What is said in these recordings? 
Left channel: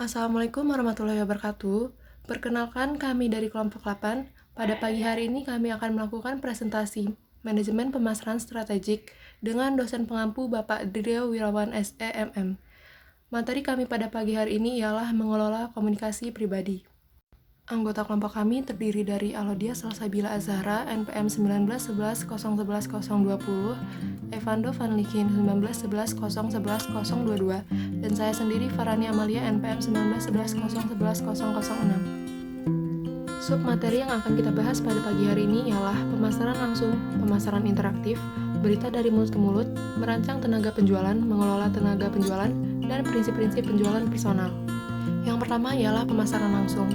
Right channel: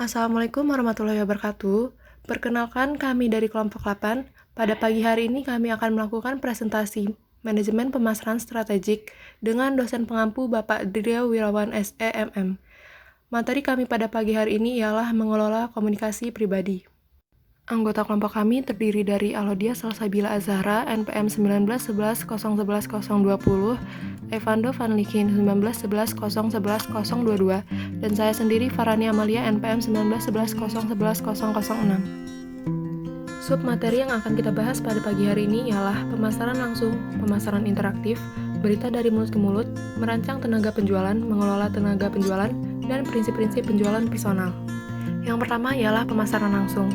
Assalamualaikum warahmatullahi wabarakatuh. Perkenalkan kami dari kelompok 8. Pada pagi hari ini kami akan melakukan presentasi Manajemen Pemasaran Strategik dengan dosen pengampu Bapak Drio Wirawan SEMM. Materi kami pada pagi hari ini ialah mengelola komunikasi pribadi. Anggota kelompok kami terdiri dari Alodia Salsabila Azhara, NPM 1911011020, Evando Van Lichin 1911011022, dan saya sendiri Farani Amalia NPM 1911011006. Submateri yang akan kita bahas pada pagi hari ini ialah pemasaran langsung, pemasaran interaktif, berita dari mulut ke mulut, merancang tenaga penjualan, mengelola tenaga penjualan, dan prinsip-prinsip penjualan personal. Yang pertama ialah pemasaran langsung.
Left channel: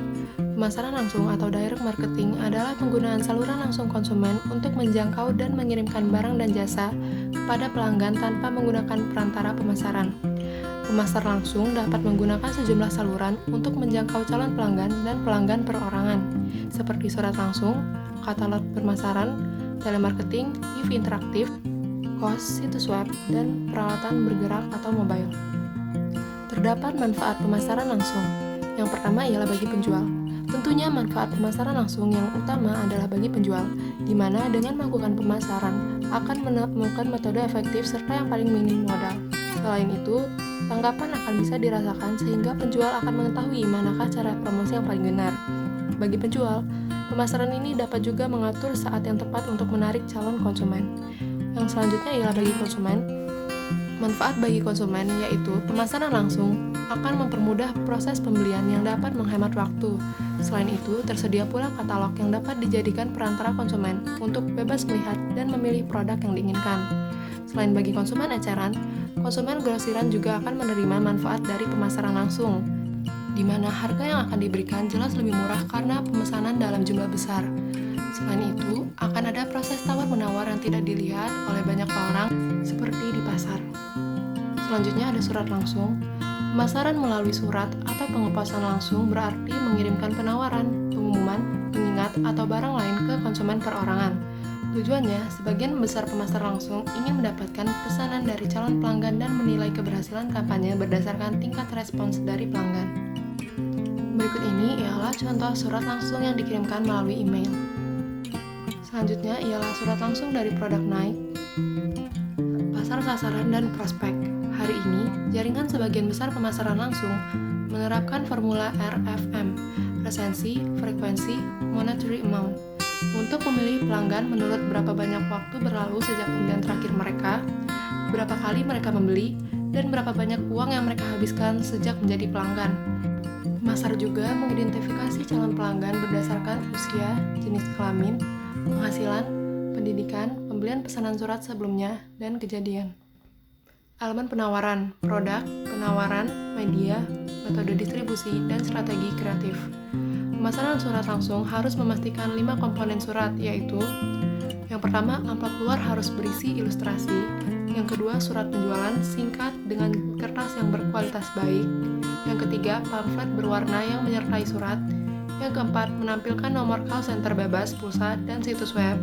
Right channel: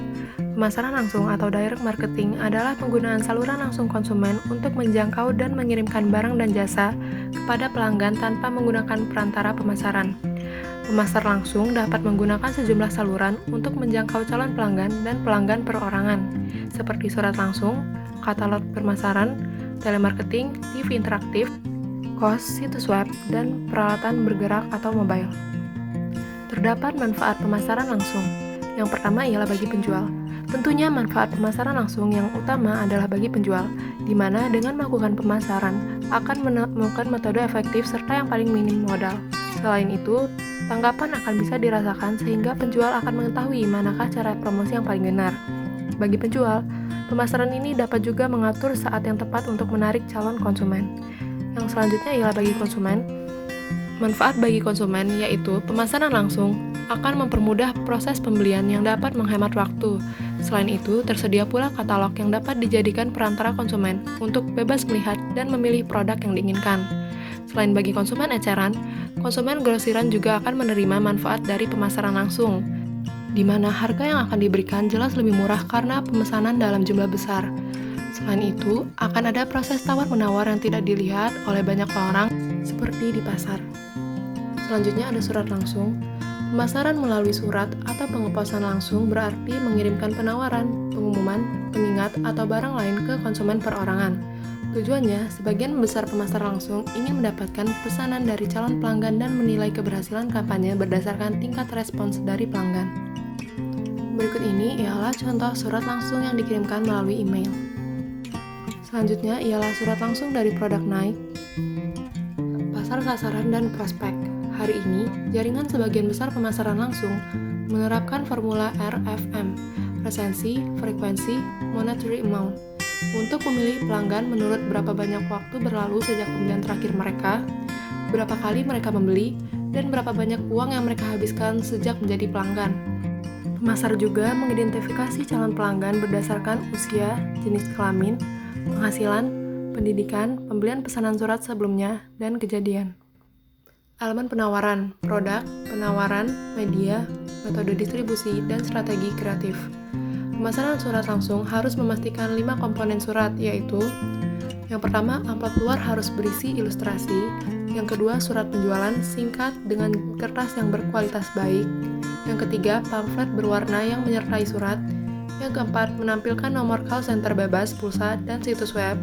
Pemasaran langsung atau direct marketing adalah penggunaan saluran langsung konsumen untuk menjangkau dan mengirimkan barang dan jasa kepada pelanggan tanpa menggunakan perantara pemasaran. Pemasar langsung dapat menggunakan sejumlah saluran untuk menjangkau calon pelanggan dan pelanggan perorangan, seperti surat langsung, katalog pemasaran, telemarketing, TV interaktif, kos, situs web, dan peralatan bergerak atau mobile. Terdapat manfaat pemasaran langsung. Yang pertama ialah bagi penjual. Tentunya manfaat pemasaran langsung yang utama adalah bagi penjual, di mana dengan melakukan pemasaran akan menemukan metode efektif serta yang paling minim modal. Selain itu, tanggapan akan bisa dirasakan sehingga penjual akan mengetahui manakah cara promosi yang paling benar. Bagi penjual, pemasaran ini dapat juga mengatur saat yang tepat untuk menarik calon konsumen. Yang selanjutnya ialah bagi konsumen. Manfaat bagi konsumen yaitu pemasaran langsung akan mempermudah proses pembelian yang dapat menghemat waktu. Selain itu, tersedia pula katalog yang dapat dijadikan perantara konsumen untuk bebas melihat dan memilih produk yang diinginkan. Selain bagi konsumen eceran, konsumen grosiran juga akan menerima manfaat dari pemasaran langsung, di mana harga yang akan diberikan jelas lebih murah karena pemesanan dalam jumlah besar. Selain itu, akan ada proses tawar-menawar yang tidak dilihat oleh banyak orang seperti di pasar. Selanjutnya ada surat langsung. Pemasaran melalui surat atau pengeposan langsung berarti mengirimkan penawaran, pengumuman, pengingat, atau barang lain ke konsumen perorangan. Tujuannya, sebagian besar pemasar langsung ingin mendapatkan pesanan dari calon pelanggan dan menilai keberhasilan kampanye berdasarkan tingkat respons dari pelanggan. Berikut ini ialah contoh surat langsung yang dikirimkan melalui email. Selanjutnya ialah surat langsung dari produk naik, pasar sasaran, dan prospek. Hari ini, jaringan sebagian besar pemasaran langsung menerapkan formula RFM, resensi, frekuensi, monetary amount, untuk memilih pelanggan menurut berapa banyak waktu berlalu sejak pembelian terakhir mereka, berapa kali mereka membeli, dan berapa banyak uang yang mereka habiskan sejak menjadi pelanggan. Pemasar juga mengidentifikasi calon pelanggan berdasarkan usia, jenis kelamin, penghasilan, pendidikan, pembelian pesanan surat sebelumnya, dan kejadian. Elemen penawaran, produk, penawaran, media, metode distribusi, dan strategi kreatif. Pemasaran surat langsung harus memastikan 5 komponen surat, yaitu yang pertama, amplop luar harus berisi ilustrasi. Yang kedua, surat penjualan singkat dengan kertas yang berkualitas baik. Yang ketiga, pamflet berwarna yang menyertai surat. Yang keempat, menampilkan nomor call center bebas, pulsa, dan situs web.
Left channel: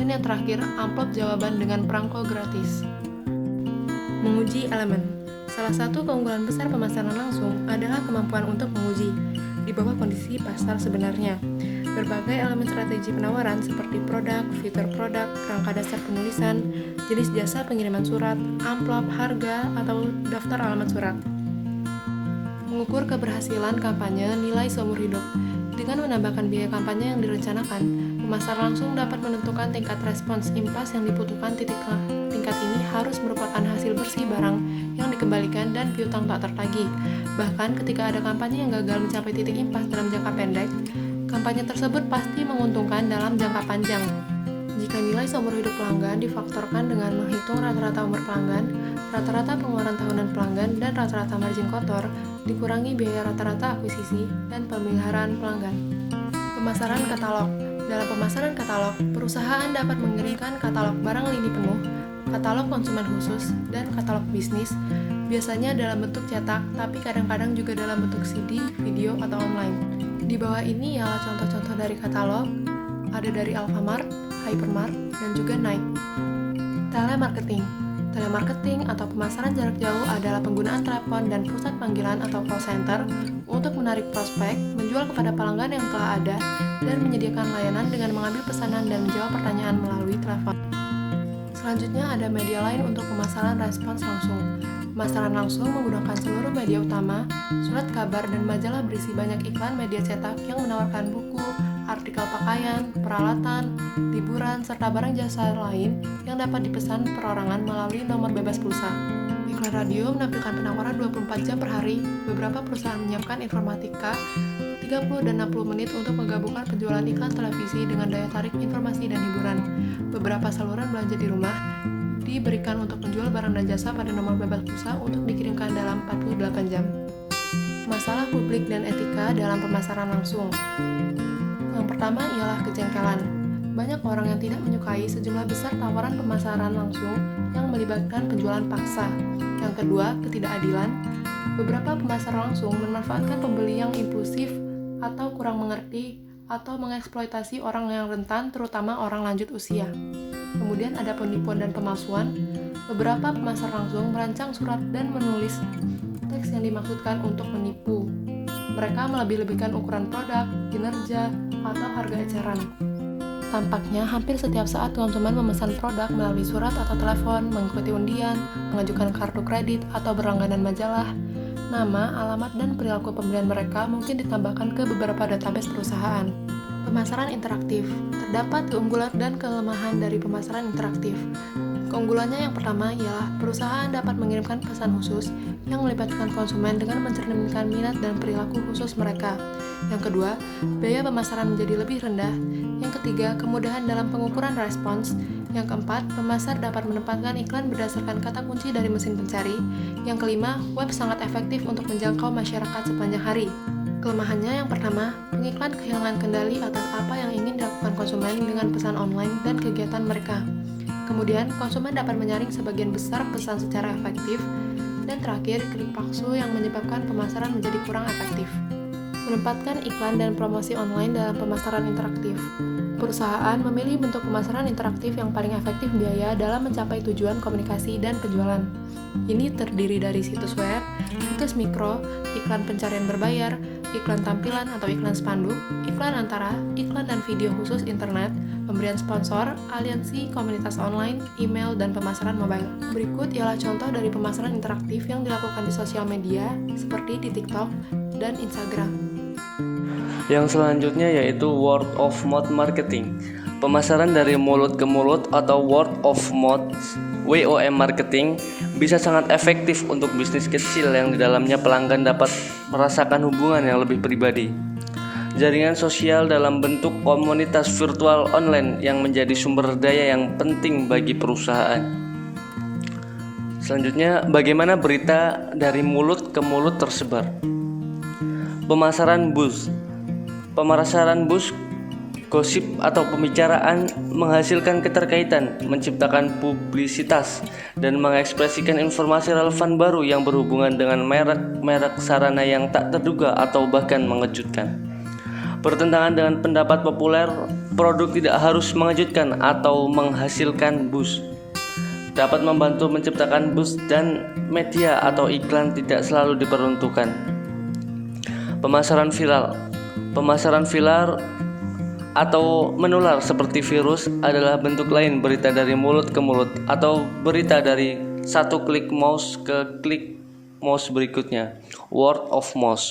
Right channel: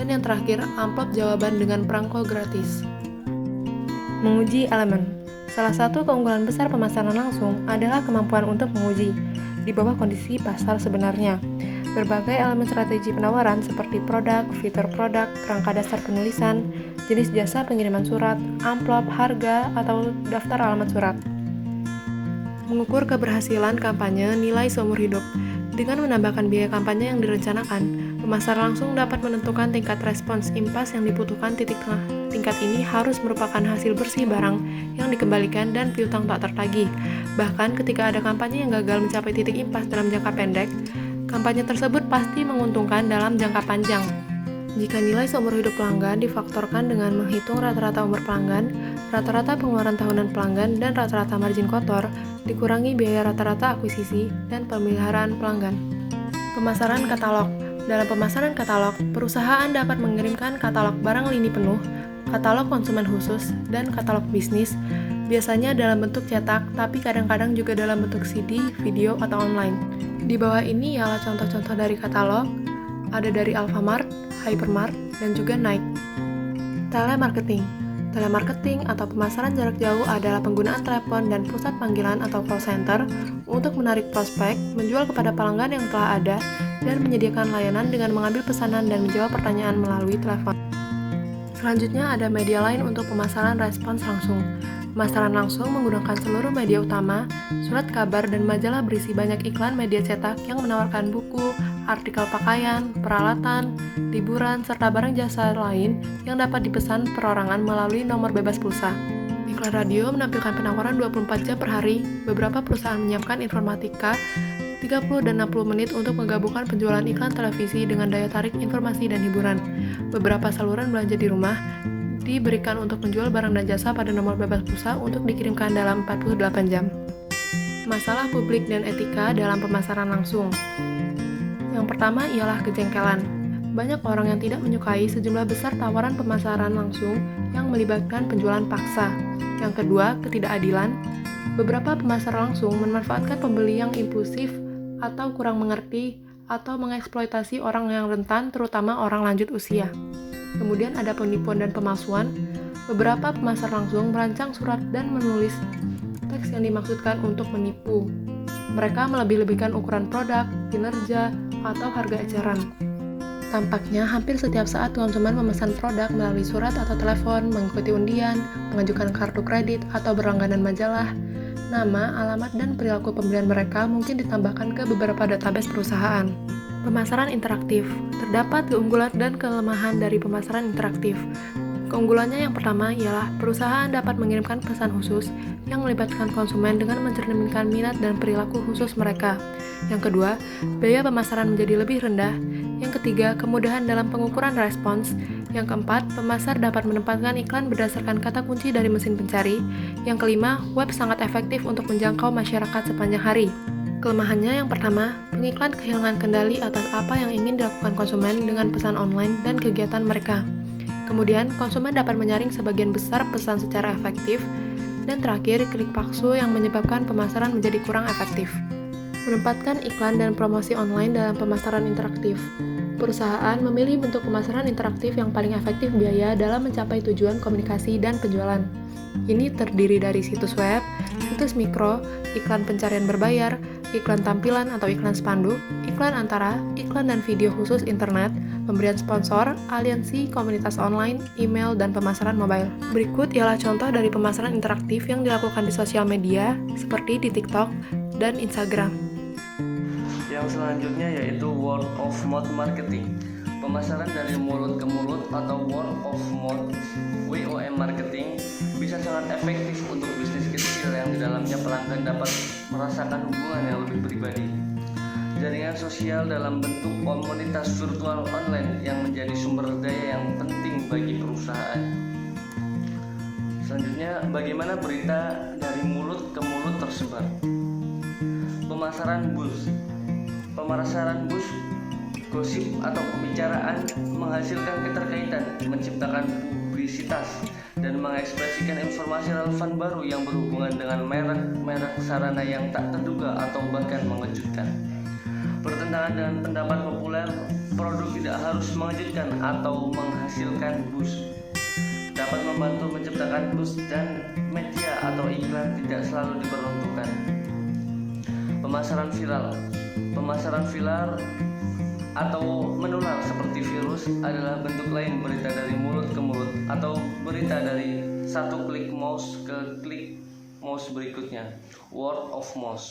Dan yang terakhir, amplop jawaban dengan perangko gratis. Menguji elemen. Salah satu keunggulan besar pemasaran langsung adalah kemampuan untuk menguji, di bawah kondisi pasar sebenarnya, berbagai elemen strategi penawaran seperti produk, fitur produk, kerangka dasar penulisan, jenis jasa pengiriman surat, amplop, harga, atau daftar alamat surat. Mengukur keberhasilan kampanye nilai seumur hidup. Dengan menambahkan biaya kampanye yang direncanakan, pemasar langsung dapat menentukan tingkat respons impas yang dibutuhkan. Titik tengah tingkat ini harus merupakan hasil bersih barang yang dikembalikan dan piutang tak tertagih. Bahkan ketika ada kampanye yang gagal mencapai titik impas dalam jangka pendek, kampanye tersebut pasti menguntungkan dalam jangka panjang. Jika nilai seumur hidup pelanggan difaktorkan dengan menghitung rata-rata umur pelanggan, rata-rata pengeluaran tahunan pelanggan, dan rata-rata margin kotor, dikurangi biaya rata-rata akuisisi dan pemeliharaan pelanggan. Pemasaran katalog. Dalam pemasaran katalog, perusahaan dapat mengirimkan katalog barang lini penuh, katalog konsumen khusus, dan katalog bisnis, biasanya dalam bentuk cetak, tapi kadang-kadang juga dalam bentuk CD, video, atau online. Di bawah ini ialah contoh-contoh dari katalog, ada dari Alfamart, Hypermart, dan juga Nike. Telemarketing. Telemarketing atau pemasaran jarak jauh adalah penggunaan telepon dan pusat panggilan atau call center untuk menarik prospek, menjual kepada pelanggan yang telah ada, dan menyediakan layanan dengan mengambil pesanan dan menjawab pertanyaan melalui telepon. Selanjutnya ada media lain untuk pemasaran respons langsung. Pemasaran langsung menggunakan seluruh media utama, surat kabar dan majalah berisi banyak iklan media cetak yang menawarkan buku, artikel pakaian, peralatan, liburan, serta barang jasa lain yang dapat dipesan perorangan melalui nomor bebas pulsa. Iklan radio menampilkan penawaran 24 jam per hari. Beberapa perusahaan menyiapkan informatika 30 dan 60 menit untuk menggabungkan penjualan iklan televisi dengan daya tarik informasi dan hiburan. Beberapa saluran belanja di rumah diberikan untuk menjual barang dan jasa pada nomor bebas pulsa untuk dikirimkan dalam 48 jam. Masalah publik dan etika dalam pemasaran langsung. Yang pertama ialah kejengkelan. Banyak orang yang tidak menyukai sejumlah besar tawaran pemasaran langsung yang melibatkan penjualan paksa. Yang kedua, ketidakadilan. Beberapa pemasar langsung memanfaatkan pembeli yang impulsif atau kurang mengerti atau mengeksploitasi orang yang rentan, terutama orang lanjut usia. Kemudian ada penipuan dan pemalsuan. Beberapa pemasar langsung merancang surat dan menulis teks yang dimaksudkan untuk menipu. Mereka melebih-lebihkan ukuran produk, kinerja, atau harga eceran. Tampaknya hampir setiap saat konsumen memesan produk melalui surat atau telepon, mengikuti undian, mengajukan kartu kredit, atau berlangganan majalah. Nama, alamat, dan perilaku pembelian mereka mungkin ditambahkan ke beberapa database perusahaan. Pemasaran interaktif. Terdapat keunggulan dan kelemahan dari pemasaran interaktif. Keunggulannya yang pertama ialah perusahaan dapat mengirimkan pesan khusus yang melibatkan konsumen dengan mencerminkan minat dan perilaku khusus mereka. Yang kedua, biaya pemasaran menjadi lebih rendah. Yang ketiga, kemudahan dalam pengukuran respons. Yang keempat, pemasar dapat menempatkan iklan berdasarkan kata kunci dari mesin pencari. Yang kelima, web sangat efektif untuk menjangkau masyarakat sepanjang hari. Kelemahannya yang pertama, pengiklan kehilangan kendali atas apa yang ingin dilakukan konsumen dengan pesan online dan kegiatan mereka. Kemudian, konsumen dapat menyaring sebagian besar pesan secara efektif. Dan terakhir, klik palsu yang menyebabkan pemasaran menjadi kurang efektif. Menempatkan iklan dan promosi online dalam pemasaran interaktif. Perusahaan memilih bentuk pemasaran interaktif yang paling efektif biaya dalam mencapai tujuan komunikasi dan penjualan. Ini terdiri dari situs web, situs mikro, iklan pencarian berbayar, iklan tampilan atau iklan spanduk, iklan antara, iklan dan video khusus internet, pemberian sponsor, aliansi, komunitas online, email, dan pemasaran mobile. Berikut ialah contoh dari pemasaran interaktif yang dilakukan di sosial media, seperti di TikTok dan Instagram. Yang selanjutnya yaitu word of mouth marketing. Pemasaran dari mulut ke mulut atau word of mouth (WOM) marketing bisa sangat efektif untuk bisnis kecil yang di dalamnya pelanggan dapat merasakan hubungan yang lebih pribadi. Jaringan sosial dalam bentuk komunitas virtual online yang menjadi sumber daya yang penting bagi perusahaan. Selanjutnya, bagaimana berita dari mulut ke mulut tersebar? Pemasaran buzz. Pemasaran buzz, gosip atau pembicaraan menghasilkan keterkaitan, menciptakan publisitas, dan mengekspresikan informasi relevan baru yang berhubungan dengan merek sarana yang tak terduga atau bahkan mengejutkan. Bertentangan dengan pendapat populer, produk tidak harus mengejutkan atau menghasilkan buzz. Dapat membantu menciptakan buzz dan media atau iklan tidak selalu diperuntukkan. Pemasaran viral. Pemasaran viral atau menular seperti virus adalah bentuk lain berita dari mulut ke mulut atau berita dari satu klik mouse ke klik mouse berikutnya, word of mouth,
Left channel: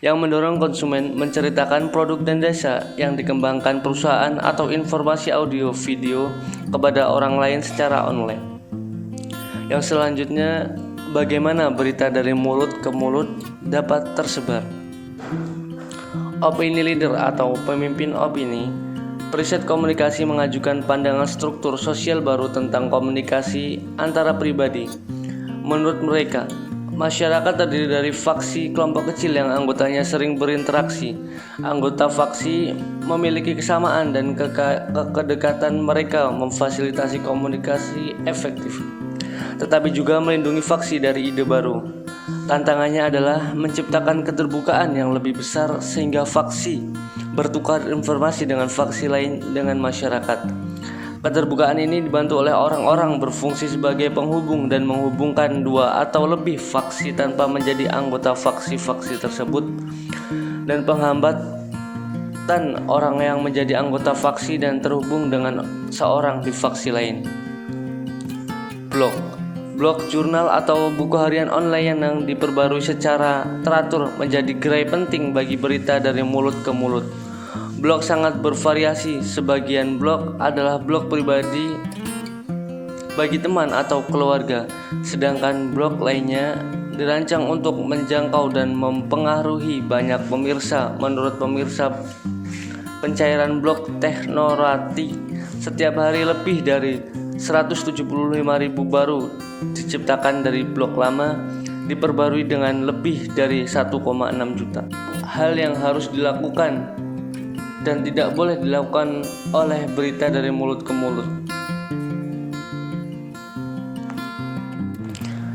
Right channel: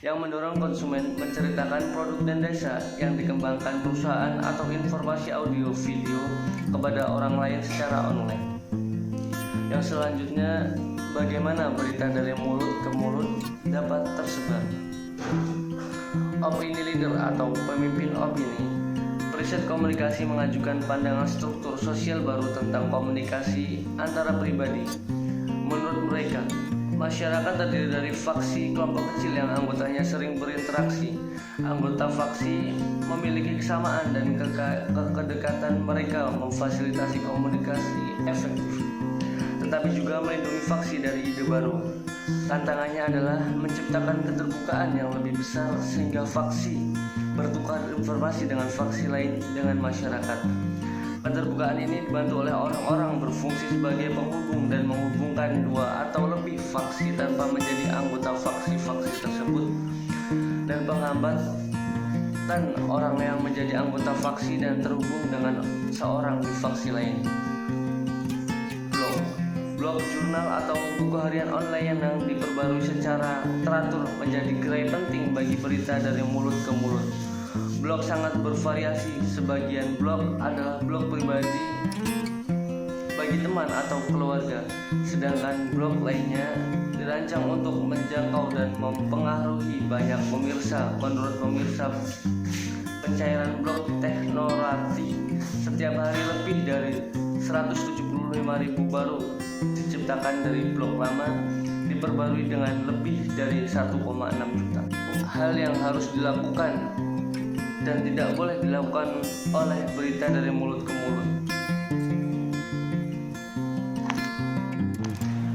yang mendorong konsumen menceritakan produk dan jasa yang dikembangkan perusahaan atau informasi audio video kepada orang lain secara online. Yang selanjutnya, bagaimana berita dari mulut ke mulut dapat tersebar? Opini leader atau pemimpin opini. Riset komunikasi mengajukan pandangan struktur sosial baru tentang komunikasi antara pribadi. Menurut mereka, masyarakat terdiri dari faksi kelompok kecil yang anggotanya sering berinteraksi. Anggota faksi memiliki kesamaan dan kedekatan mereka memfasilitasi komunikasi efektif, tetapi juga melindungi faksi dari ide baru. Tantangannya adalah menciptakan keterbukaan yang lebih besar sehingga faksi bertukar informasi dengan faksi lain dengan masyarakat. Keterbukaan ini dibantu oleh orang-orang berfungsi sebagai penghubung dan menghubungkan dua atau lebih faksi tanpa menjadi anggota faksi-faksi tersebut, dan penghambatan orang yang menjadi anggota faksi dan terhubung dengan seorang di faksi lain. Blog, jurnal atau buku harian online yang diperbarui secara teratur menjadi gerai penting bagi berita dari mulut ke mulut. Blog sangat bervariasi. Sebagian blog adalah blog pribadi bagi teman atau keluarga, sedangkan blog lainnya dirancang untuk menjangkau dan mempengaruhi banyak pemirsa. Menurut pemirsa pencairan blog Technorati, setiap hari lebih dari 175.000 baru diciptakan dari blog lama, diperbarui dengan lebih dari 1,6 juta. Hal yang harus dilakukan dan tidak boleh dilakukan oleh berita dari mulut ke mulut.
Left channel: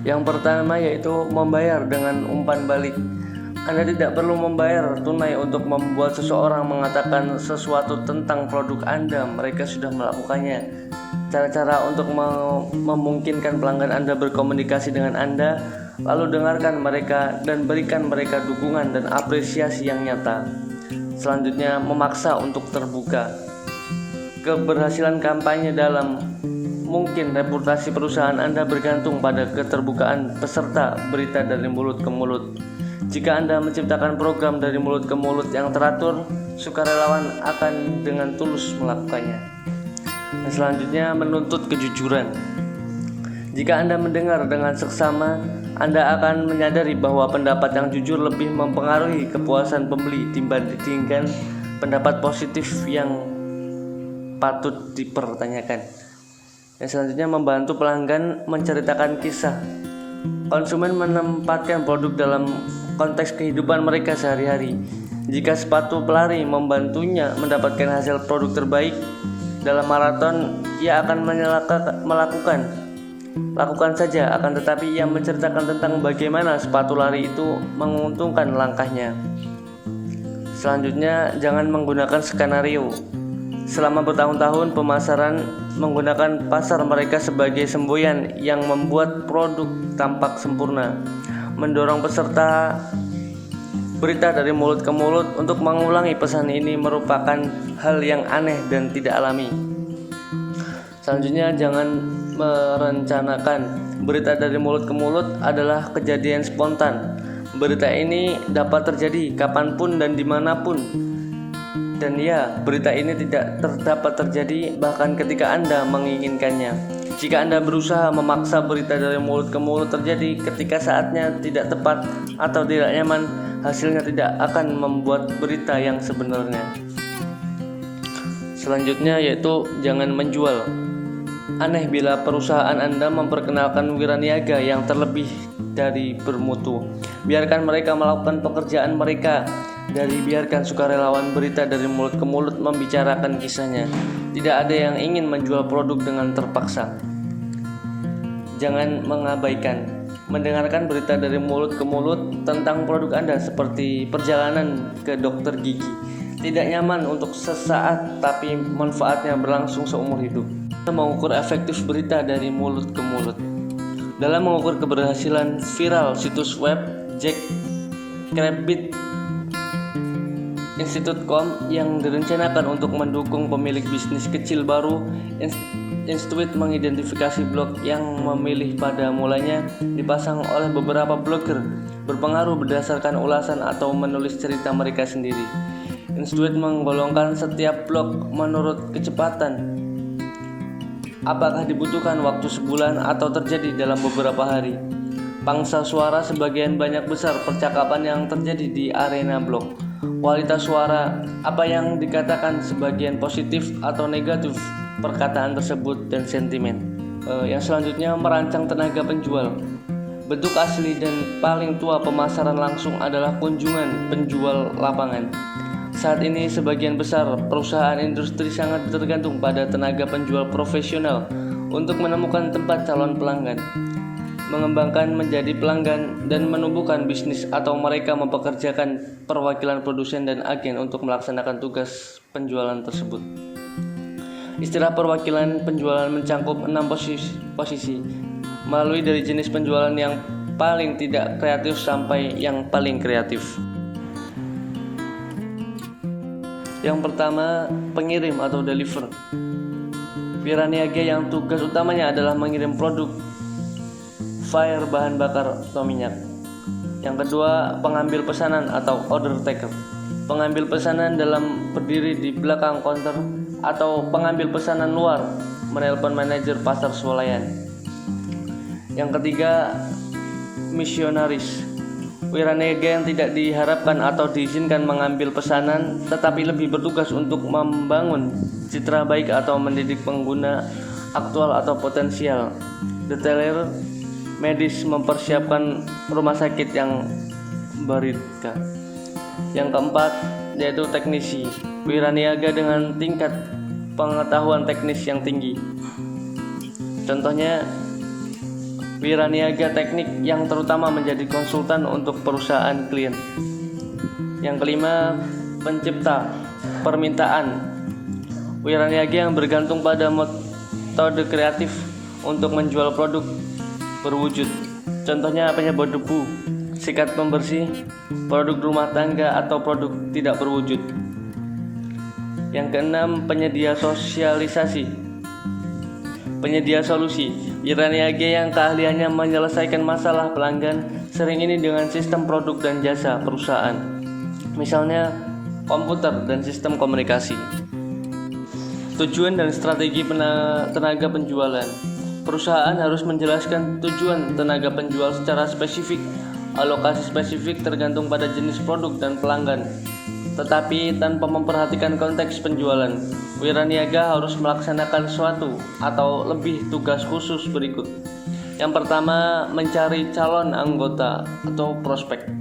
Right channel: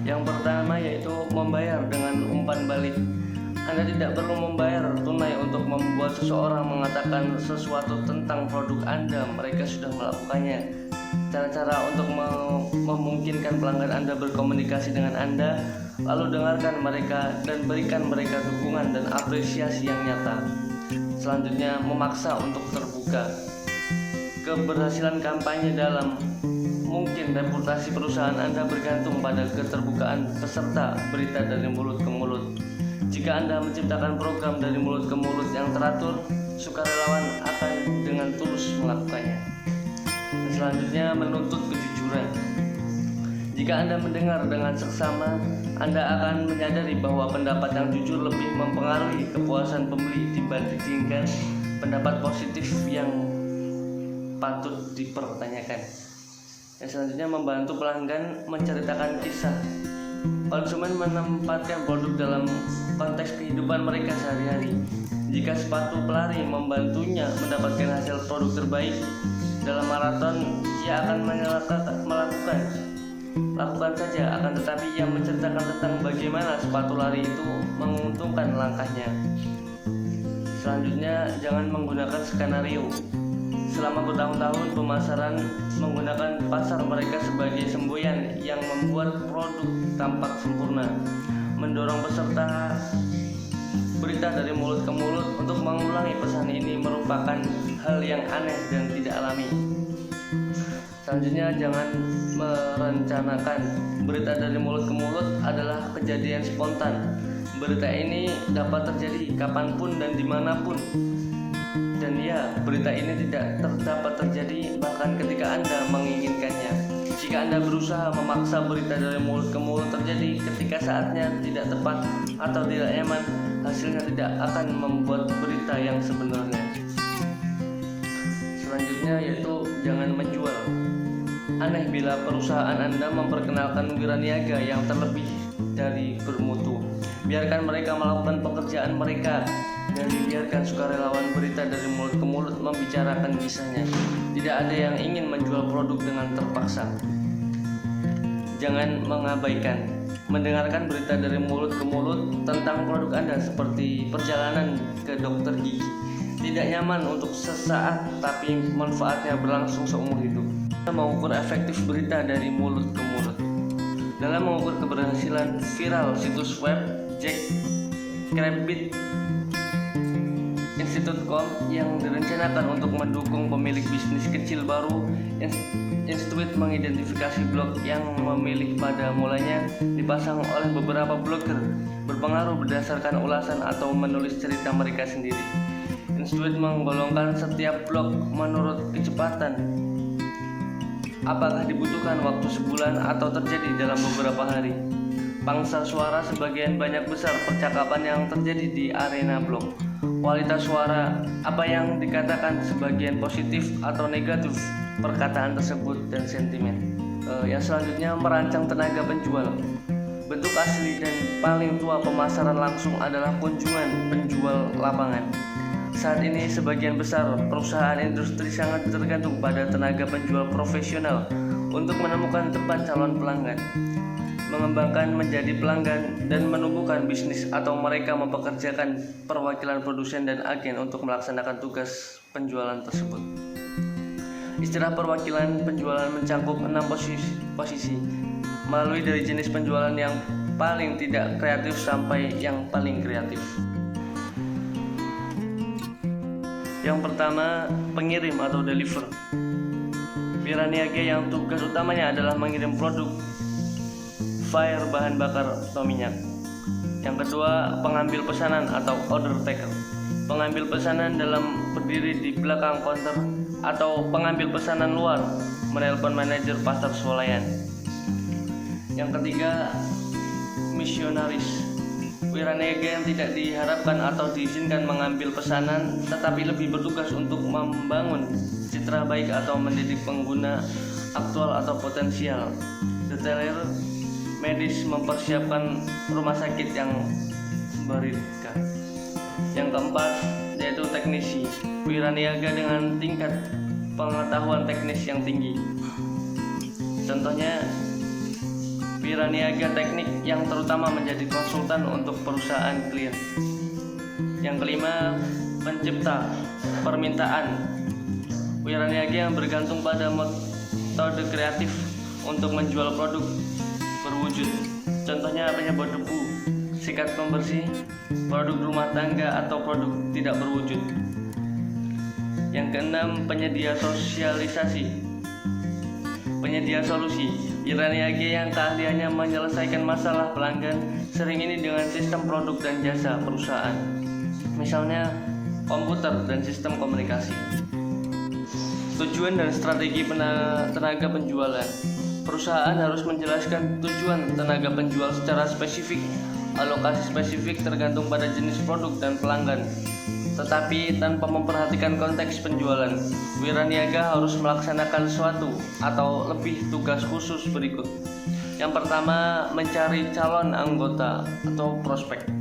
Yang pertama yaitu membayar dengan umpan balik. Anda tidak perlu membayar tunai untuk membuat seseorang mengatakan sesuatu tentang produk Anda. Mereka sudah melakukannya. Cara-cara untuk memungkinkan pelanggan Anda berkomunikasi dengan Anda, lalu dengarkan mereka dan berikan mereka dukungan dan apresiasi yang nyata. Selanjutnya, memaksa untuk terbuka. Keberhasilan kampanye dalam mungkin reputasi perusahaan Anda bergantung pada keterbukaan peserta berita dari mulut ke mulut. Jika Anda menciptakan program dari mulut ke mulut yang teratur, sukarelawan akan dengan tulus melakukannya. Dan selanjutnya, menuntut kejujuran. Jika Anda mendengar dengan seksama, Anda akan menyadari bahwa pendapat yang jujur lebih mempengaruhi kepuasan pembeli dibandingkan pendapat positif yang patut dipertanyakan. Yang selanjutnya, membantu pelanggan menceritakan kisah. Konsumen menempatkan produk dalam konteks kehidupan mereka sehari-hari. Jika sepatu pelari membantunya mendapatkan hasil produk terbaik dalam maraton, ia akan lakukan saja, akan tetapi ia menceritakan tentang bagaimana sepatu lari itu menguntungkan langkahnya. Selanjutnya, jangan menggunakan skenario. Selama bertahun-tahun, pemasaran menggunakan pasar mereka sebagai semboyan yang membuat produk tampak sempurna, mendorong peserta berita dari mulut ke mulut untuk mengulangi pesan ini merupakan hal yang aneh dan tidak alami. Selanjutnya, jangan merencanakan. Berita dari mulut ke mulut adalah kejadian spontan. Berita ini dapat terjadi kapanpun dan dimanapun. Dan ya, berita ini tidak dapat terjadi bahkan ketika Anda menginginkannya. Jika Anda berusaha memaksa berita dari mulut ke mulut terjadi ketika saatnya tidak tepat atau tidak nyaman, hasilnya tidak akan membuat berita yang sebenarnya. Selanjutnya yaitu jangan menjual. Aneh bila perusahaan Anda memperkenalkan wiraniaga yang terlebih dari bermutu. Biarkan mereka melakukan pekerjaan mereka. Biarkan sukarelawan berita dari mulut ke mulut membicarakan kisahnya. Tidak ada yang ingin menjual produk dengan terpaksa. Jangan mengabaikan. Mendengarkan berita dari mulut ke mulut tentang produk Anda seperti perjalanan ke dokter gigi. Tidak nyaman untuk sesaat, tapi manfaatnya berlangsung seumur hidup. Mengukur efektif berita dari mulut ke mulut. Dalam mengukur keberhasilan viral situs web Jack Rabbit Institute.com yang direncanakan untuk mendukung pemilik bisnis kecil baru, Institute mengidentifikasi blog yang memilih pada mulanya dipasang oleh beberapa blogger berpengaruh berdasarkan ulasan atau menulis cerita mereka sendiri. Institute menggolongkan setiap blog menurut kecepatan. Apakah dibutuhkan waktu sebulan atau terjadi dalam beberapa hari? Pangsa suara sebagian banyak besar percakapan yang terjadi di arena blog. Kualitas suara, apa yang dikatakan sebagian positif atau negatif perkataan tersebut dan sentimen. Yang selanjutnya, merancang tenaga penjual. Bentuk asli dan paling tua pemasaran langsung adalah kunjungan penjual lapangan. Saat ini sebagian besar perusahaan industri sangat tergantung pada tenaga penjual profesional untuk menemukan tempat calon pelanggan, mengembangkan menjadi pelanggan, dan menumbuhkan bisnis, atau mereka mempekerjakan perwakilan produsen dan agen untuk melaksanakan tugas penjualan tersebut. Istilah perwakilan penjualan mencangkup 6 posisi, melalui dari jenis penjualan yang paling tidak kreatif sampai yang paling kreatif. Yang pertama, pengirim atau deliver. Wiraniaga yang tugas utamanya adalah mengirim produk fire bahan bakar atau minyak. Yang kedua, pengambil pesanan atau order taker. Pengambil pesanan dalam berdiri di belakang counter atau pengambil pesanan luar menelpon manajer pasar swalayan. Yang ketiga, misionaris. Wiraniaga yang tidak diharapkan atau diizinkan mengambil pesanan tetapi lebih bertugas untuk membangun citra baik atau mendidik pengguna aktual atau potensial. Detailer medis mempersiapkan rumah sakit yang berita. Yang keempat yaitu teknisi. Wiraniaga dengan tingkat pengetahuan teknis yang tinggi. Contohnya wiraniaga teknik yang terutama menjadi konsultan untuk perusahaan klien. Yang kelima, pencipta permintaan. Wiraniaga yang bergantung pada metode kreatif untuk menjual produk berwujud. Contohnya penyebab debu, sikat pembersih, produk rumah tangga atau produk tidak berwujud. Yang keenam, penyedia sosialisasi. Penyedia solusi. Wiraniaga yang keahliannya menyelesaikan masalah pelanggan, sering ini dengan sistem produk dan jasa perusahaan. Misalnya komputer dan sistem komunikasi. Tujuan dan strategi tenaga penjualan. Perusahaan harus menjelaskan tujuan tenaga penjual secara spesifik. Alokasi spesifik tergantung pada jenis produk dan pelanggan, tetapi tanpa memperhatikan konteks penjualan. Wiraniaga harus melaksanakan suatu atau lebih tugas khusus berikut. Yang pertama, mencari calon anggota atau prospek.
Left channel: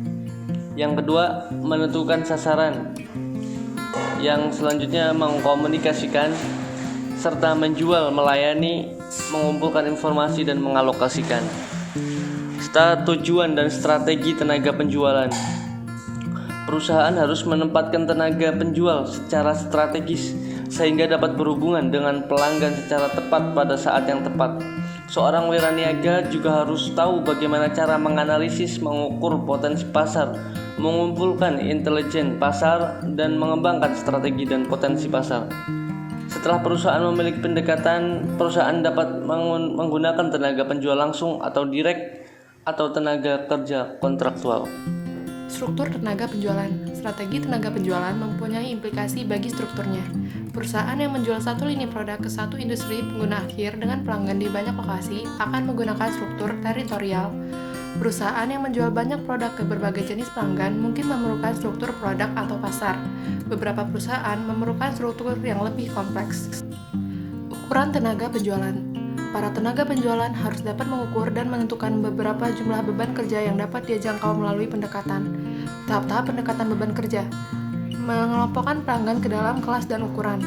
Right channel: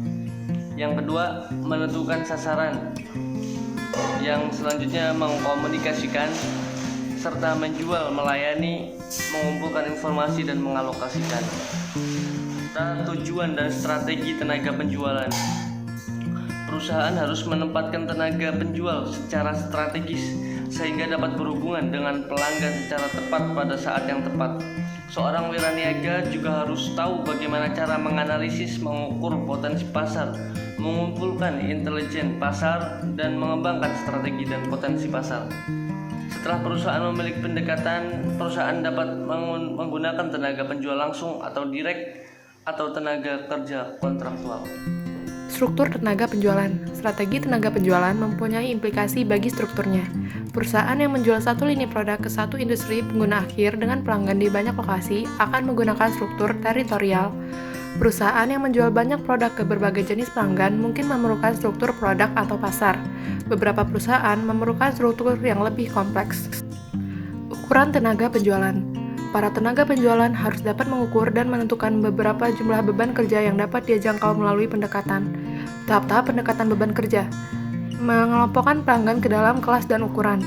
Yang kedua, menentukan sasaran. Yang selanjutnya, mengkomunikasikan serta menjual, melayani, mengumpulkan informasi dan mengalokasikan. Tujuan dan strategi tenaga penjualan. Perusahaan harus menempatkan tenaga penjual secara strategis sehingga dapat berhubungan dengan pelanggan secara tepat pada saat yang tepat. Seorang wiraniaga juga harus tahu bagaimana cara menganalisis, mengukur potensi pasar, mengumpulkan intelijen pasar, dan mengembangkan strategi dan potensi pasar. Setelah perusahaan memiliki pendekatan, perusahaan dapat menggunakan tenaga penjual langsung atau direct atau tenaga kerja kontraktual. Struktur tenaga penjualan. Strategi tenaga penjualan mempunyai implikasi bagi strukturnya. Perusahaan yang menjual satu lini produk ke satu industri pengguna akhir dengan pelanggan di banyak lokasi akan menggunakan struktur teritorial. Perusahaan yang menjual banyak produk ke berbagai jenis pelanggan mungkin memerlukan struktur produk atau pasar. Beberapa perusahaan memerlukan struktur yang lebih kompleks. Ukuran tenaga penjualan. Para tenaga penjualan harus dapat mengukur dan menentukan beberapa jumlah beban kerja yang dapat dia jangkau melalui pendekatan. Tahap-tahap pendekatan beban kerja. Mengelompokkan pelanggan ke dalam kelas dan ukuran.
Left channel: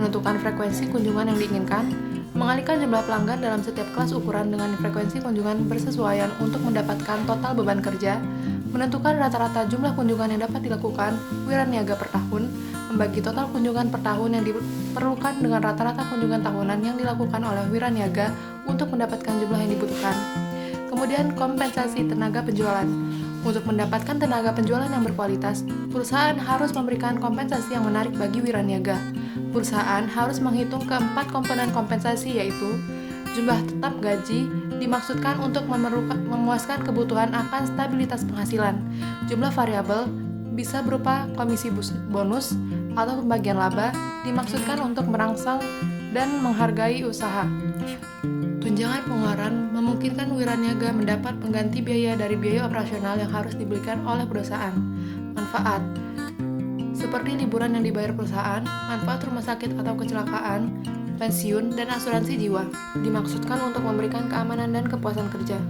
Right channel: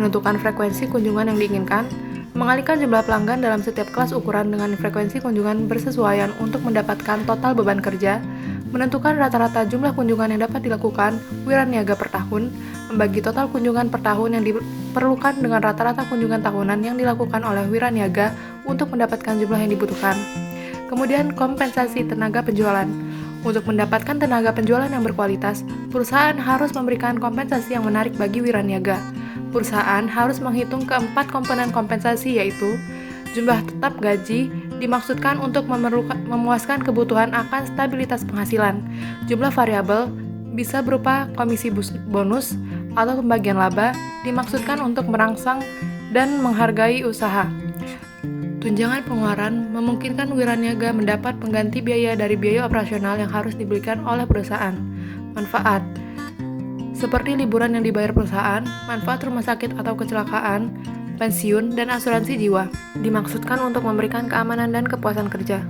Menentukan frekuensi kunjungan yang diinginkan. Mengalihkan jumlah pelanggan dalam setiap kelas ukuran dengan frekuensi kunjungan bersesuaian untuk mendapatkan total beban kerja. Menentukan rata-rata jumlah kunjungan yang dapat dilakukan wiraniaga per tahun. Membagi total kunjungan per tahun yang diperlukan dengan rata-rata kunjungan tahunan yang dilakukan oleh wiraniaga untuk mendapatkan jumlah yang dibutuhkan. Kemudian, kompensasi tenaga penjualan. Untuk mendapatkan tenaga penjualan yang berkualitas, perusahaan harus memberikan kompensasi yang menarik bagi wiraniaga. Perusahaan harus menghitung keempat komponen kompensasi, yaitu jumlah tetap gaji dimaksudkan untuk memuaskan kebutuhan akan stabilitas penghasilan. Jumlah variabel bisa berupa komisi bonus atau pembagian laba dimaksudkan untuk merangsang dan menghargai usaha. Tunjangan pengeluaran memungkinkan wiraniaga mendapat pengganti biaya dari biaya operasional yang harus diberikan oleh perusahaan. Manfaat seperti liburan yang dibayar perusahaan, manfaat rumah sakit atau kecelakaan, pensiun, dan asuransi jiwa dimaksudkan untuk memberikan keamanan dan kepuasan kerja.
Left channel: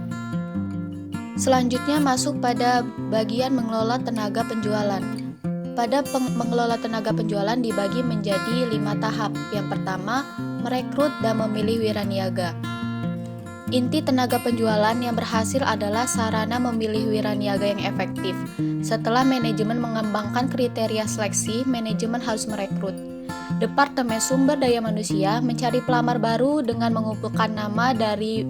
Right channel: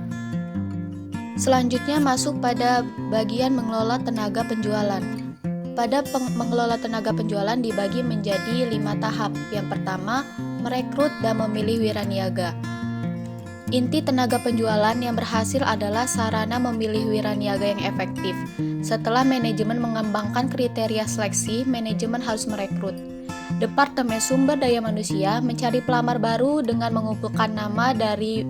Selanjutnya masuk pada bagian mengelola tenaga penjualan. Pada mengelola tenaga penjualan dibagi menjadi 5 tahap. Yang pertama, merekrut dan memilih wiraniaga. Inti tenaga penjualan yang berhasil adalah sarana memilih wiraniaga yang efektif. Setelah manajemen mengembangkan kriteria seleksi, manajemen harus merekrut. Departemen Sumber Daya Manusia mencari pelamar baru dengan mengumpulkan nama dari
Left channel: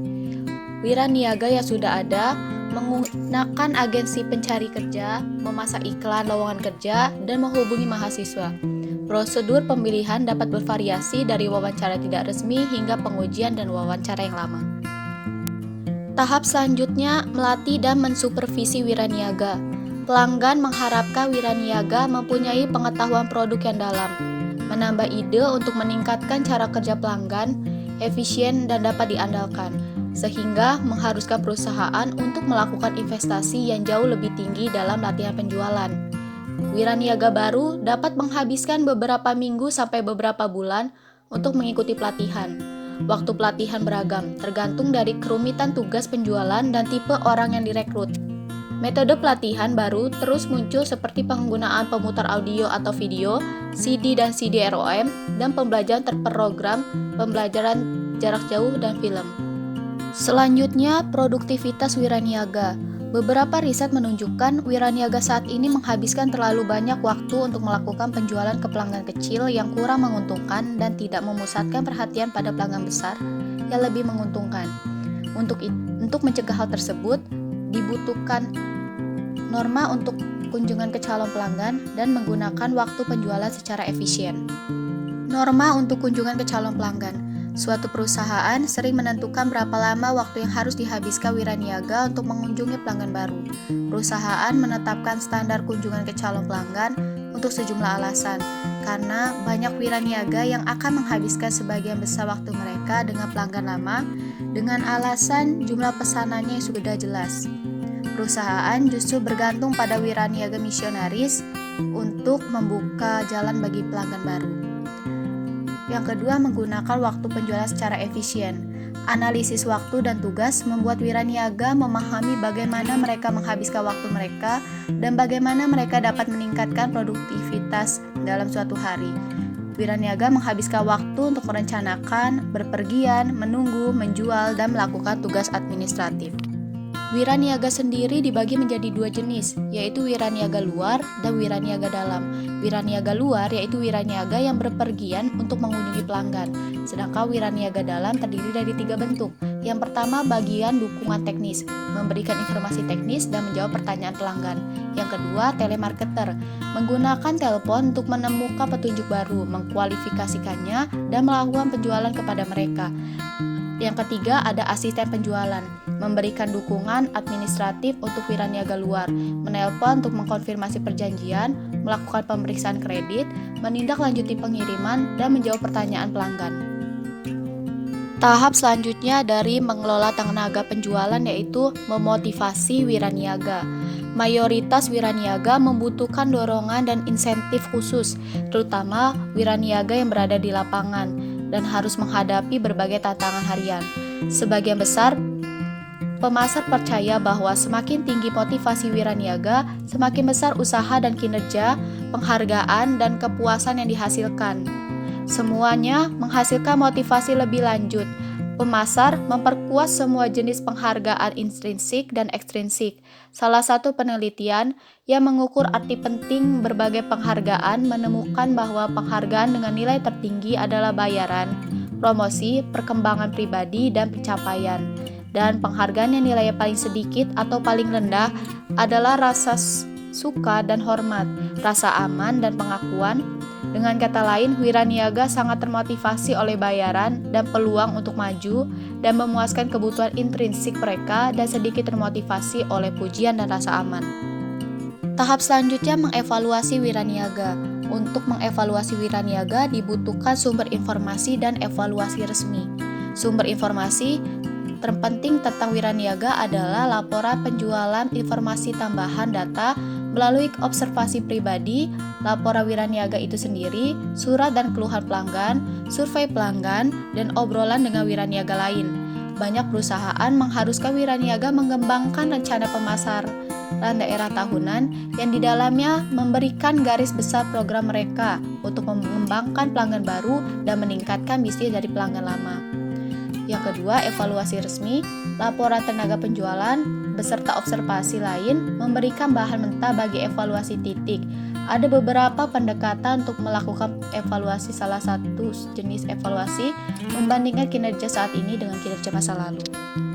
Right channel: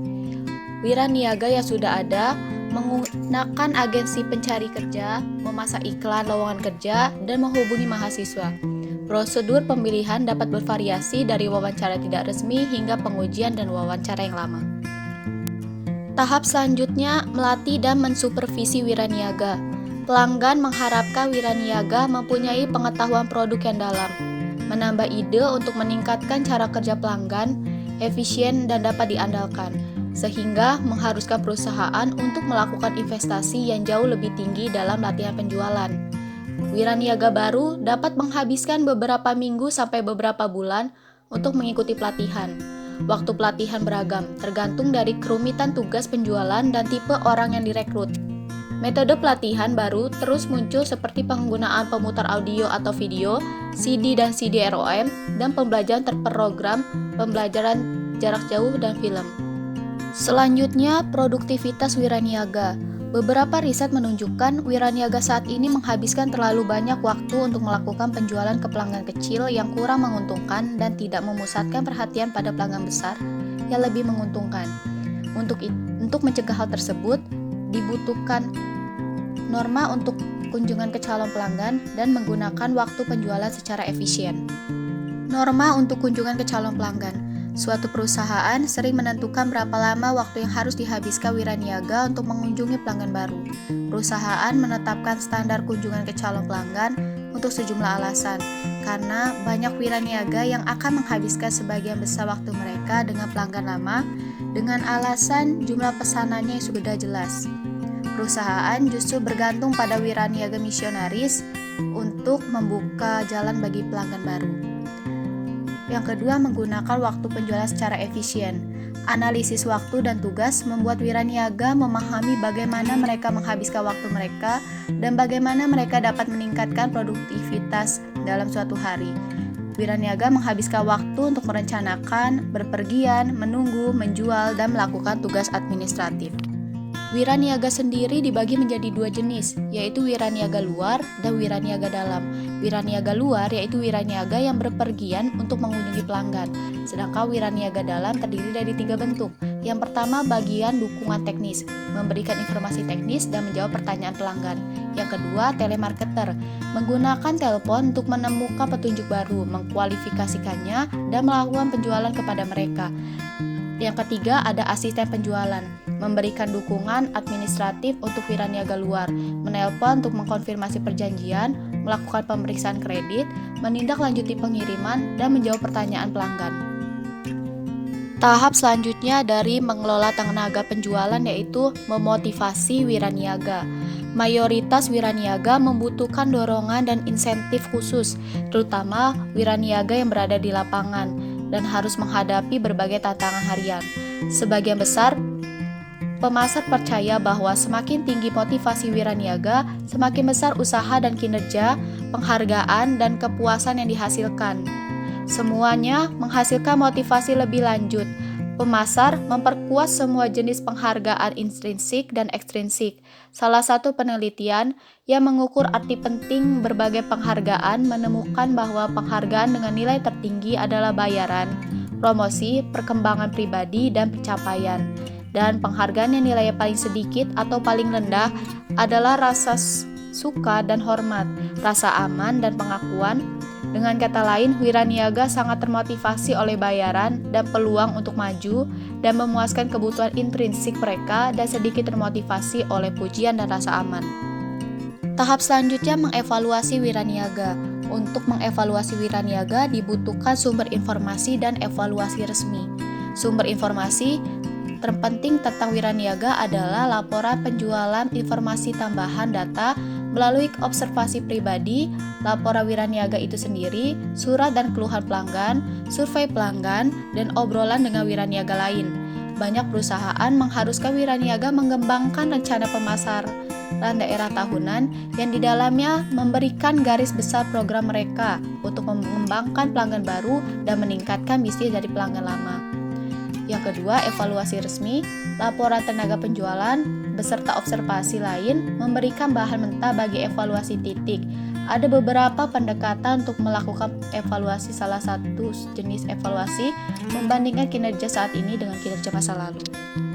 wiraniaga yang sudah ada, menggunakan agensi pencari kerja, memasang iklan lowongan kerja, dan menghubungi mahasiswa. Prosedur pemilihan dapat bervariasi dari wawancara tidak resmi hingga pengujian dan wawancara yang lama. Tahap selanjutnya, melatih dan mensupervisi wiraniaga. Pelanggan mengharapkan wiraniaga mempunyai pengetahuan produk yang dalam, menambah ide untuk meningkatkan cara kerja pelanggan, efisien dan dapat diandalkan, sehingga mengharuskan perusahaan untuk melakukan investasi yang jauh lebih tinggi dalam latihan penjualan. Wiraniaga baru dapat menghabiskan beberapa minggu sampai beberapa bulan untuk mengikuti pelatihan. Waktu pelatihan beragam, tergantung dari kerumitan tugas penjualan dan tipe orang yang direkrut. Metode pelatihan baru terus muncul seperti penggunaan pemutar audio atau video, CD dan CD-ROM, dan pembelajaran terprogram, pembelajaran jarak jauh, dan film. Selanjutnya, produktivitas wiraniaga. Beberapa riset menunjukkan wiraniaga saat ini menghabiskan terlalu banyak waktu untuk melakukan penjualan ke pelanggan kecil yang kurang menguntungkan dan tidak memusatkan perhatian pada pelanggan besar yang lebih menguntungkan. Untuk mencegah hal tersebut, dibutuhkan norma untuk kunjungan ke calon pelanggan dan menggunakan waktu penjualan secara efisien. Norma untuk kunjungan ke calon pelanggan. Suatu perusahaan sering menentukan berapa lama waktu yang harus dihabiskan wiraniaga untuk mengunjungi pelanggan baru. Perusahaan menetapkan standar kunjungan ke calon pelanggan untuk sejumlah alasan, karena banyak wiraniaga yang akan menghabiskan sebagian besar waktu mereka dengan pelanggan lama dengan alasan jumlah pesanannya yang sudah jelas. Perusahaan justru bergantung pada wiraniaga misionaris untuk membuka jalan bagi pelanggan baru. Yang kedua, menggunakan waktu penjualan secara efisien. Analisis waktu dan tugas membuat wiraniaga memahami bagaimana mereka menghabiskan waktu mereka dan bagaimana mereka dapat meningkatkan produktivitas dalam suatu hari. Wiraniaga menghabiskan waktu untuk merencanakan, berpergian, menunggu, menjual, dan melakukan tugas administratif. Wiraniaga sendiri dibagi menjadi dua jenis, yaitu wiraniaga luar dan wiraniaga dalam. Wiraniaga luar yaitu wiraniaga yang berpergian untuk mengunjungi pelanggan, sedangkan wiraniaga dalam terdiri dari 3 bentuk. Yang pertama, bagian dukungan teknis, memberikan informasi teknis dan menjawab pertanyaan pelanggan. Yang kedua, telemarketer, menggunakan telepon untuk menemukan petunjuk baru, mengkualifikasikannya, dan melakukan penjualan kepada mereka. Yang ketiga, ada asisten penjualan, memberikan dukungan administratif untuk wiraniaga luar, menelpon untuk mengkonfirmasi perjanjian, melakukan pemeriksaan kredit, menindaklanjuti pengiriman, dan menjawab pertanyaan pelanggan. Tahap selanjutnya dari mengelola tenaga penjualan yaitu memotivasi wiraniaga. Mayoritas wiraniaga membutuhkan dorongan dan insentif khusus, terutama wiraniaga yang berada di lapangan dan harus menghadapi berbagai tantangan harian. Sebagian besar pemasar percaya bahwa semakin tinggi motivasi wiraniaga, semakin besar usaha dan kinerja, penghargaan, dan kepuasan yang dihasilkan. Semuanya menghasilkan motivasi lebih lanjut. Pemasar memperkuat semua jenis penghargaan intrinsik dan ekstrinsik. Salah satu penelitian yang mengukur arti penting berbagai penghargaan menemukan bahwa penghargaan dengan nilai tertinggi adalah bayaran, promosi, perkembangan pribadi, dan pencapaian. Dan penghargaan yang nilainya paling sedikit atau paling rendah adalah rasa suka dan hormat, rasa aman dan pengakuan. Dengan kata lain, wiraniaga sangat termotivasi oleh bayaran dan peluang untuk maju dan memuaskan kebutuhan intrinsik mereka dan sedikit termotivasi oleh pujian dan rasa aman. Tahap selanjutnya mengevaluasi wiraniaga. Untuk mengevaluasi wiraniaga dibutuhkan sumber informasi dan evaluasi resmi. Sumber informasi terpenting tentang wiraniaga adalah laporan penjualan, informasi tambahan data melalui observasi pribadi, laporan wiraniaga itu sendiri, surat dan keluhan pelanggan, survei pelanggan, dan obrolan dengan wiraniaga lain. Banyak perusahaan mengharuskan wiraniaga mengembangkan rencana pemasaran daerah tahunan yang di dalamnya memberikan garis besar program mereka untuk mengembangkan pelanggan baru dan meningkatkan bisnis dari pelanggan lama. Yang kedua, evaluasi resmi. Laporan tenaga penjualan beserta observasi lain memberikan bahan mentah bagi evaluasi titik. Ada beberapa pendekatan untuk melakukan evaluasi. Salah satu jenis evaluasi membandingkan kinerja saat ini dengan kinerja masa lalu.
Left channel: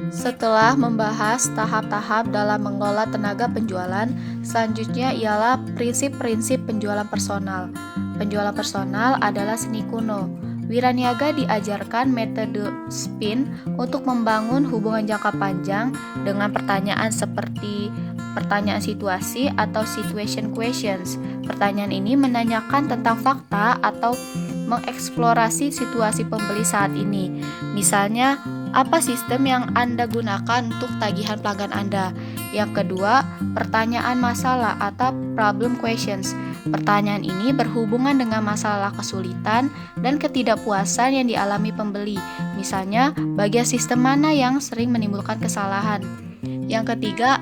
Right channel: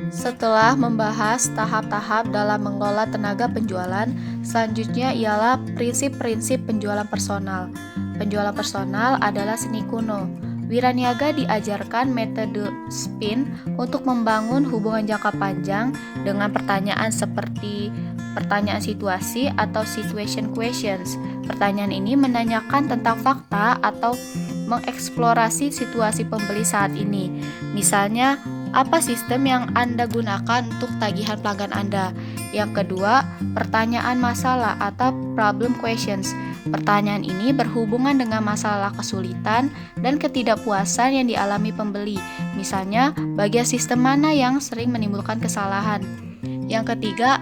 Setelah membahas tahap-tahap dalam mengelola tenaga penjualan, selanjutnya ialah prinsip-prinsip penjualan personal. Penjualan personal adalah seni kuno. Wiraniaga diajarkan metode SPIN untuk membangun hubungan jangka panjang dengan pertanyaan seperti pertanyaan situasi atau situation questions. Pertanyaan ini menanyakan tentang fakta atau mengeksplorasi situasi pembeli saat ini. Misalnya, apa sistem yang Anda gunakan untuk tagihan pelanggan Anda? Yang kedua, pertanyaan masalah atau problem questions. Pertanyaan ini berhubungan dengan masalah kesulitan dan ketidakpuasan yang dialami pembeli. Misalnya, bagian sistem mana yang sering menimbulkan kesalahan? Yang ketiga,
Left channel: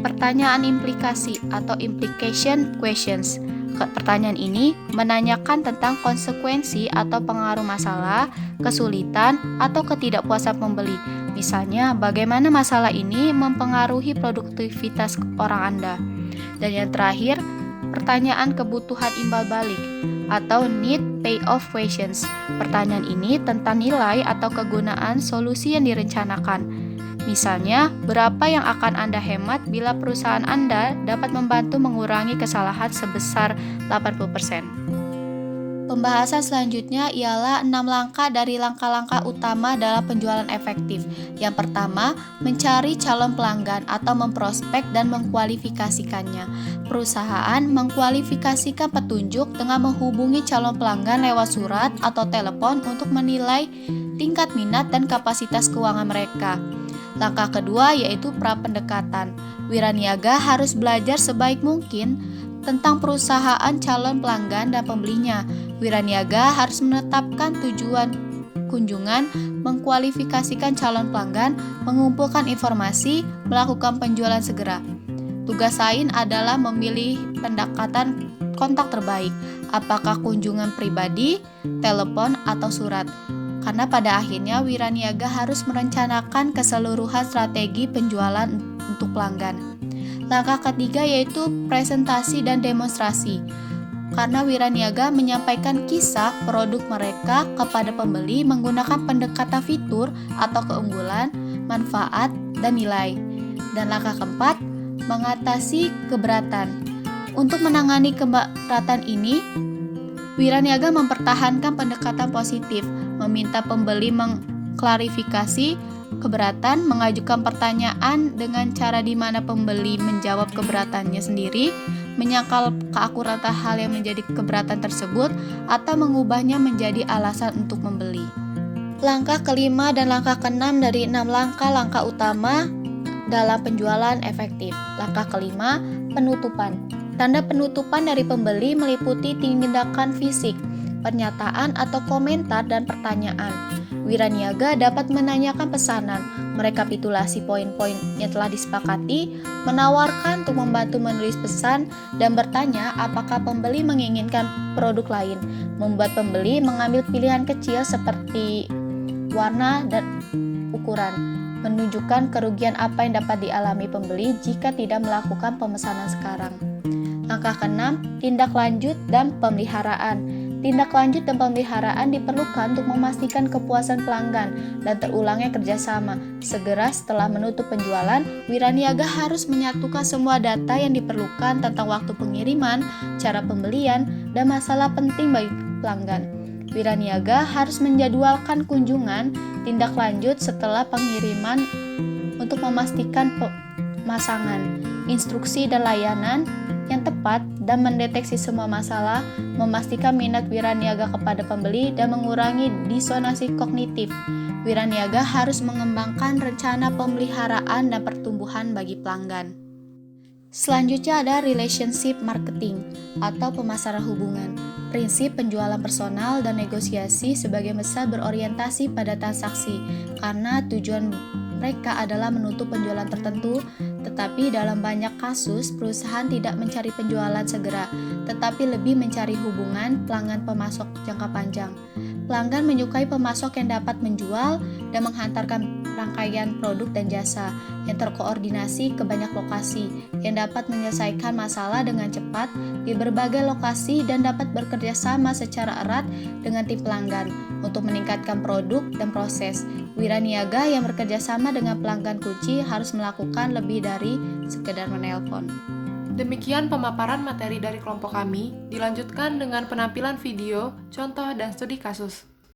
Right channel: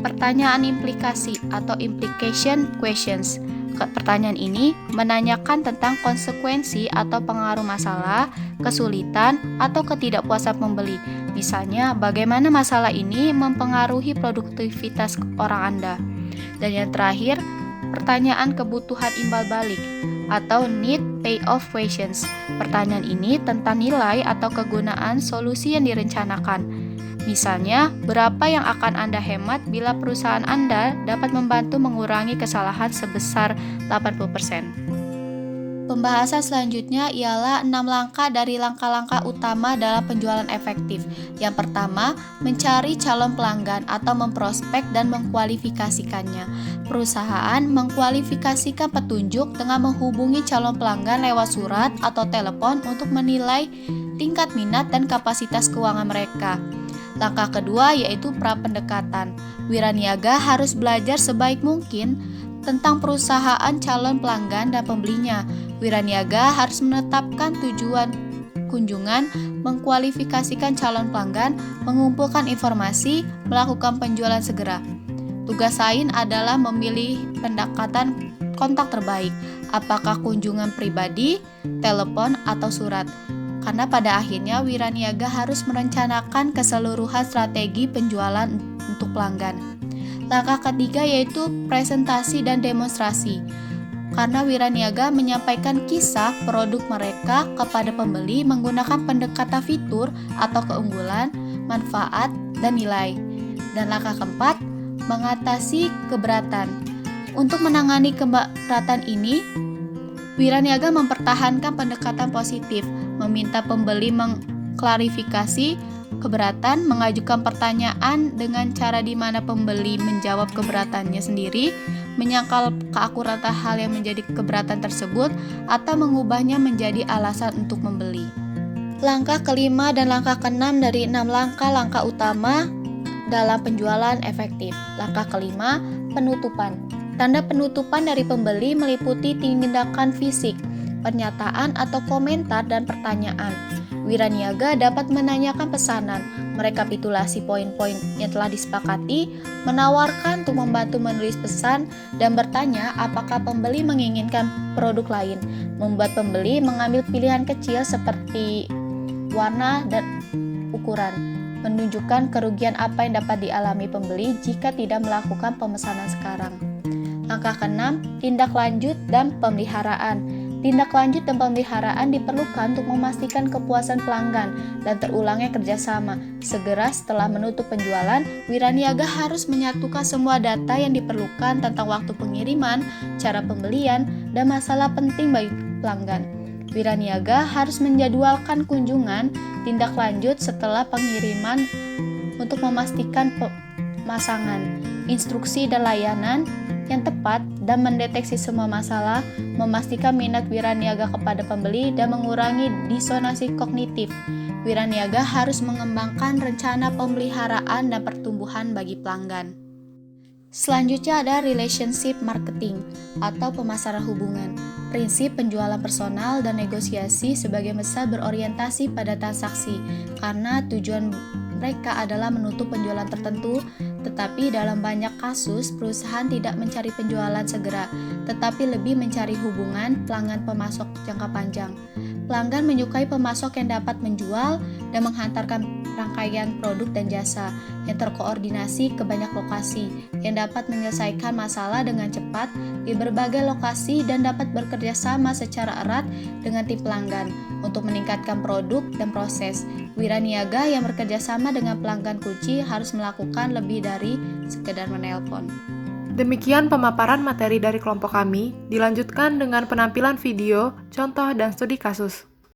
pertanyaan implikasi atau implication questions. Pertanyaan ini menanyakan tentang konsekuensi atau pengaruh masalah, kesulitan, atau ketidakpuasan pembeli. Misalnya, bagaimana masalah ini mempengaruhi produktivitas orang Anda. Dan yang terakhir, pertanyaan kebutuhan imbal balik atau need payoff questions. Pertanyaan ini tentang nilai atau kegunaan solusi yang direncanakan. Misalnya, berapa yang akan Anda hemat bila perusahaan Anda dapat membantu mengurangi kesalahan sebesar 80%. Pembahasan selanjutnya ialah 6 langkah dari langkah-langkah utama dalam penjualan efektif. Yang pertama, mencari calon pelanggan atau memprospek dan mengkualifikasikannya. Perusahaan mengkualifikasikan petunjuk dengan menghubungi calon pelanggan lewat surat atau telepon untuk menilai tingkat minat dan kapasitas keuangan mereka. Langkah kedua yaitu pra-pendekatan. Wiraniaga harus belajar sebaik mungkin tentang perusahaan calon pelanggan dan pembelinya. Wiraniaga harus menetapkan tujuan kunjungan, mengkualifikasikan calon pelanggan, mengumpulkan informasi, melakukan penjualan segera. Tugas lain adalah memilih pendekatan kontak terbaik, apakah kunjungan pribadi, telepon, atau surat. Karena pada akhirnya Wiraniaga harus merencanakan keseluruhan strategi penjualan untuk pelanggan. Langkah ketiga yaitu presentasi dan demonstrasi. Karena Wiraniaga menyampaikan kisah produk mereka kepada pembeli menggunakan pendekatan fitur atau keunggulan, manfaat, dan nilai. Dan langkah keempat, mengatasi keberatan. Untuk menangani keberatan ini, Wiraniaga mempertahankan pendekatan positif, meminta pembeli mengklarifikasi keberatan, mengajukan pertanyaan dengan cara di mana pembeli menjawab keberatannya sendiri, menyangkal keakuratan hal yang menjadi keberatan tersebut, atau mengubahnya menjadi alasan untuk membeli. Langkah kelima dan langkah keenam dari 6 langkah utama dalam penjualan efektif. Langkah kelima, penutupan. Tanda penutupan dari pembeli meliputi tindakan fisik, pernyataan atau komentar dan pertanyaan. Wiraniaga dapat menanyakan pesanan, merekapitulasi poin-poin yang telah disepakati, menawarkan untuk membantu menulis pesan, dan bertanya apakah pembeli menginginkan produk lain. Membuat pembeli mengambil pilihan kecil seperti warna dan ukuran, menunjukkan kerugian apa yang dapat dialami pembeli jika tidak melakukan pemesanan sekarang. Langkah keenam, tindak lanjut dan pemeliharaan. Tindak lanjut dan pemeliharaan diperlukan untuk memastikan kepuasan pelanggan dan terulangnya kerjasama. Segera setelah menutup penjualan, Wiraniaga harus menyatukan semua data yang diperlukan tentang waktu pengiriman, cara pembelian, dan masalah penting bagi pelanggan. Wiraniaga harus menjadwalkan kunjungan tindak lanjut setelah pengiriman untuk memastikan pemasangan, instruksi dan layanan yang tepat dan mendeteksi semua masalah, memastikan minat Wiraniaga kepada pembeli dan mengurangi disonansi kognitif. Wiraniaga harus mengembangkan rencana pemeliharaan dan pertumbuhan bagi pelanggan. Selanjutnya ada relationship marketing atau pemasaran hubungan. Prinsip penjualan personal dan negosiasi sebagian besar berorientasi pada transaksi karena tujuan mereka adalah menutup penjualan tertentu, tetapi dalam banyak kasus perusahaan tidak mencari penjualan segera, tetapi lebih mencari hubungan pelanggan pemasok jangka panjang. Pelanggan menyukai pemasok yang dapat menjual dan menghantarkan rangkaian produk dan jasa yang terkoordinasi ke banyak lokasi, yang dapat menyelesaikan masalah dengan cepat di berbagai lokasi dan dapat bekerja sama secara erat dengan tim pelanggan untuk meningkatkan produk dan proses. Wiraniaga yang bekerja sama dengan pelanggan kunci harus melakukan lebih dari sekedar menelpon. Demikian pemaparan materi dari kelompok kami, dilanjutkan dengan penampilan video, contoh, dan studi kasus.